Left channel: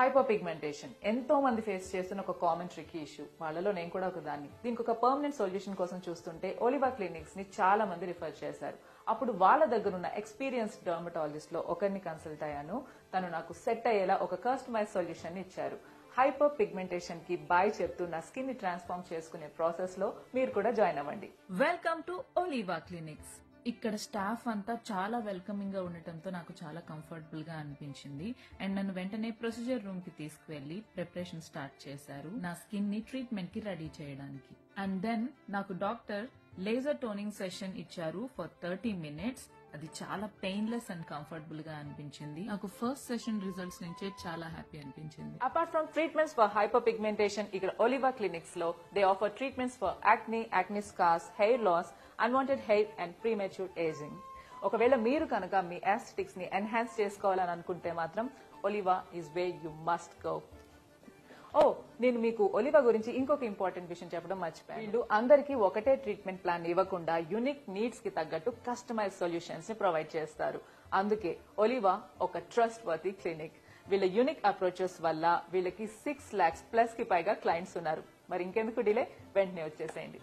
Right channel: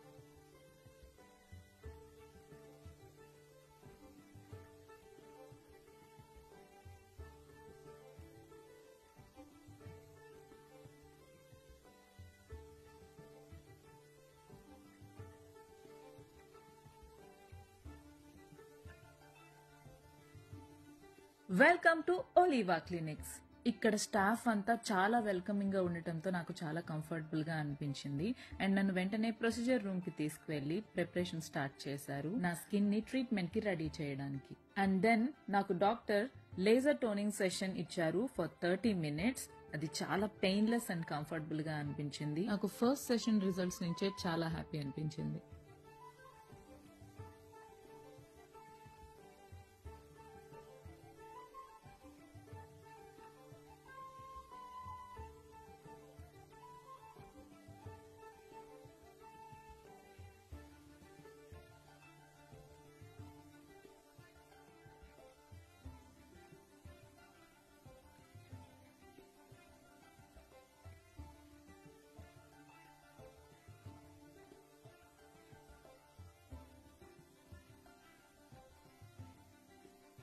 Hyper pigmentation ఎంతో మంది face చేస్తున్న ఒక కామన్ ట్రికీ ఇష్యూ. వాళ్ళలో నేను కూడా ఒక దాన్ని. దీనికి ఒక పర్మనెంట్ సొల్యూషన్ కోసం చూస్తుంటే ఒలివా క్లినిక్స్ ని చాలా మంది రిఫర్ చేశారు. అప్పుడు వాళ్ళ దగ్గర ఉన్న ఎక్స్పీరియన్స్డ్ డర్మటాలజిస్ట్ లో ఒకరిని కన్సల్ట్ అయ్యాను. తను నాకు సెట్ అయ్యేలా ఒక కస్టమైజ్ సొల్యూషన్ ఇచ్చారు. హైపర్ పిగ్మెంటేషన్ కి బాయ్ చెప్తూ నా స్కిన్ ని ట్రాన్స్ఫార్మ్ చేసుకునే ప్రాసెస్ లో మీరు కూడా జాయిన్ అవ్వండి. Welcome to ఒలివా clinics. ఇక్కడ స్టాఫ్ అంతా చాలా వెల్కమింగ్ గా ఉండటంతో నాకు చాలా కంఫర్టబుల్ గా అనిపించింది. అండ్ నన్ను వెంటనే ప్రొసీజర్ రూమ్ కి తీసుకువెళ్లి ప్రిపరేషన్ స్టార్ట్ చేశారు నా స్కిన్ ని ట్రీట్మెంట్ కి రెడీ చేయడానికి. అండ్ దెన్ నాకు డాక్టర్ లేజర్ టోనింగ్ సెషన్ ఇచ్చారు ఫర్ 30 minutes. అది చాలా పెయిన్లెస్ అండ్ కంఫర్టబుల్ గా అనిపించింది. నాకు ఫస్ట్ సెషన్ రిజల్ట్స్ నుంచే చాలా హ్యాపీ అనిపించింది. Apart from treatments for hyperpigmentation, ఇక్కడ ఒలివా క్లినిక్స్ లో they offer treatments for acne scars, hair loss, unwanted hair and premature ageing. ఒకవేళ మీరు కనుక మీ యాస్థెటిక్స్ ని ఎన్హాన్స్ చేసుకోవాలని అనుకుంటే మాత్రం ఒలివా is way you must go. నేను మీకు ఒలివా గురించి ఇంకొక ఇంపార్టెంట్ విషయం చెప్పడం మర్చిపోయాను. వీళ్ళు అందరికీ ఒకటే ట్రీట్మెంట్ ప్లాన్ ఇవ్వకుండా యూనిక్ నీడ్స్ కి తగ్గట్టు కస్టమైజ్ సొల్యూషన్స్ ని ప్రొవైడ్ చేస్తారు. అందుకే ఒలివా ఒక ట్రస్ట్ వర్తీ క్లినిక్. వీళ్ళ యూనిక్ అప్రోచెస్ వల్ల వీళ్ళకి 6 lakhs+ కి పైగా క్లయింట్స్ ఉన్నారు. మరి ఇంకెందుకు డిలే, వెంటనే వచ్చేసేయండి.